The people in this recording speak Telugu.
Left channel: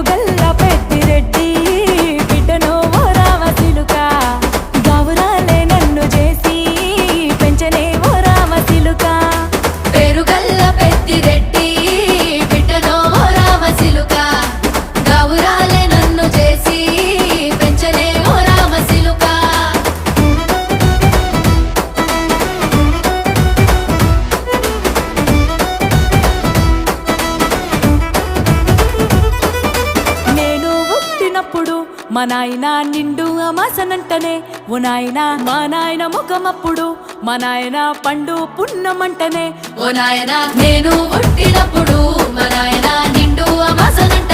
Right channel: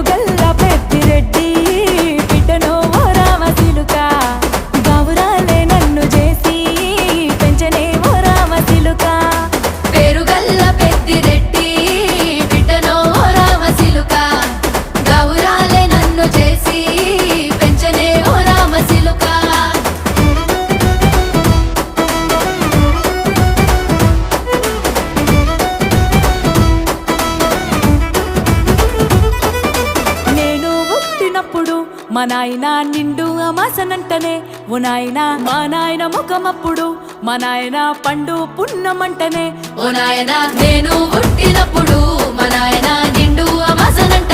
పేరుగల్ల పెద్దిరెడ్డి బిడ్డనో ఓ రామసిలుక గౌరాలే నన్ను చేసి పెంచనే ఓ రామసిలుక పేరుగల్ల పెద్దిరెడ్డి బిడ్డనో ఓ రామసిలుక గౌరాలే నన్ను చేసి పెంచనే ఓ రామసిలుక మా నాయన నిండు అమాసనంటనే ఓ నాయన మా నాయన ముఖమప్పుడు మా నాయన పండు పున్నమంటనే ఓ నాయన నేను పుట్టినప్పుడు మా నాయన నిండు అమాసనంట